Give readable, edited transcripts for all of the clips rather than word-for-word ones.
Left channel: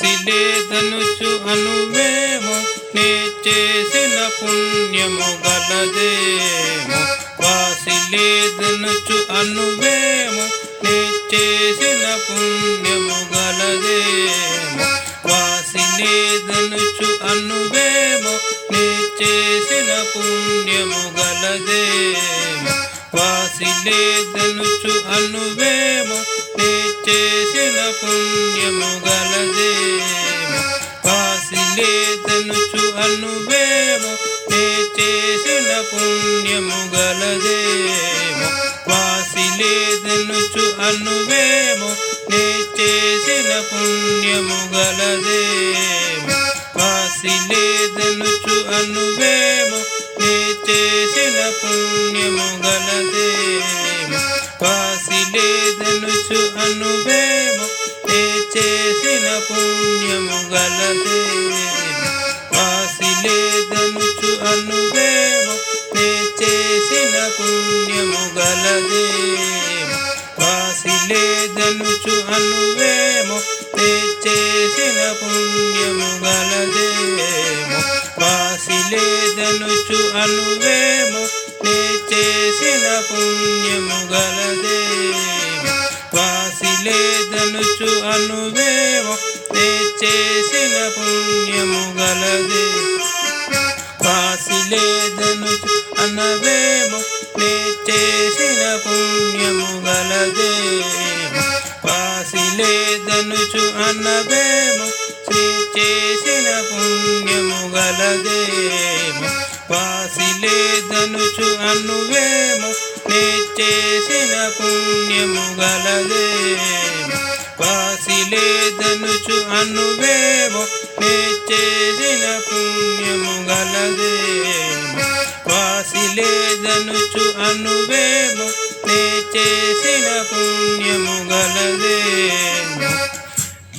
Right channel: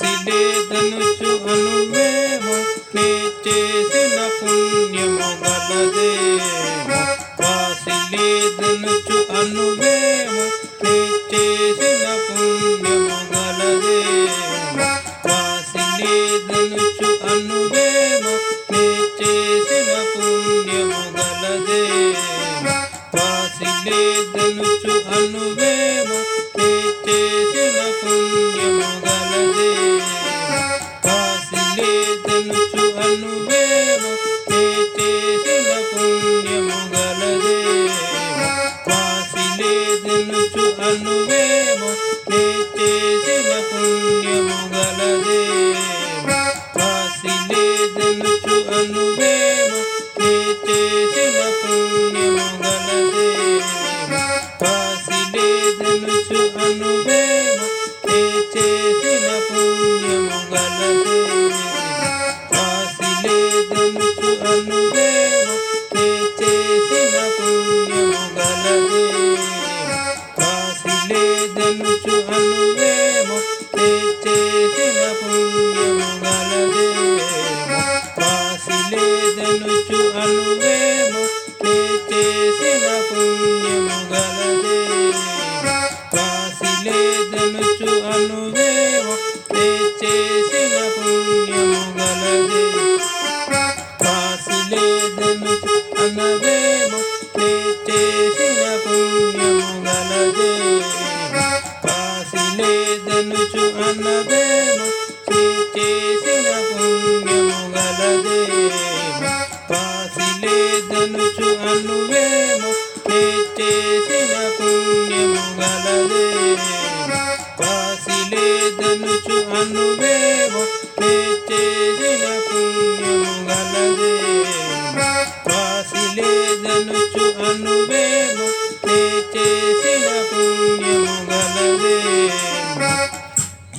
వాసిలేదనుచు అనువేమో నే చేసిన పుణ్యము గలదేమో. వాసిలేదనుచు అనువేమో నే చేసిన పుణ్యము గలదేమో. వాసిలేదనుచు అనువేమో నే చేసిన పుణ్యము గలదేమో. వాసిలేదనుచు అనువేమో నే చేసిన పుణ్యము గలదేమో. వాసిలేదనుచు అనువేమో నే చేసిన పుణ్యము గలదేమో. వాసిలేదనుచు అనువేమో నే చేసిన పుణ్యము గలదేమో. వాసిలేదనుచు అనువేమో నే చేసిన పుణ్యము గలదేమో. వాసిలేదనుచు అనువేమో నే చేసిన పుణ్యము గలదేమో. వాసిలేదనుచు అనువేమో నే చేసిన పుణ్యము గలదేమో. వాసిలేదనుచు అనువేమో నే చేసిన పుణ్యము గలదేమో. వాసిలేదనుచు అనువేమో నే చేసిన పుణ్యము గలదేమో. వాసిలేదనుచు అనువేమో నే చేసిన పుణ్యము గలదేమో. వాసిలేదనుచు అనవేమో నే చేసిన పుణ్యము గలదేమో. వాసిలేదనుచు అనవేమో నే చేసిన పుణ్యము గలదేమో. వాసిలేదనుచు అనువేమో నే చేసిన పుణ్యము గలదేమో. వాసిలేదనుచు అనువేమో నే చేసిన పుణ్యము గలదేమో. వాసిలేదనుచు అనువేమో నే చేసిన పుణ్యము గలదేమో.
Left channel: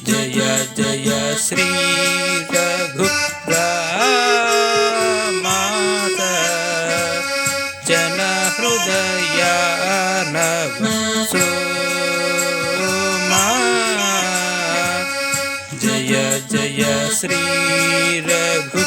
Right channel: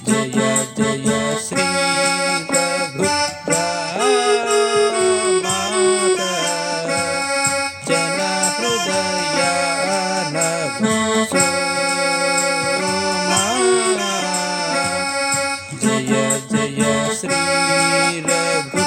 జయ జయ శ్రీ రఘురామాత జన హృదయానవ సోమా. జయ జయ శ్రీ రఘు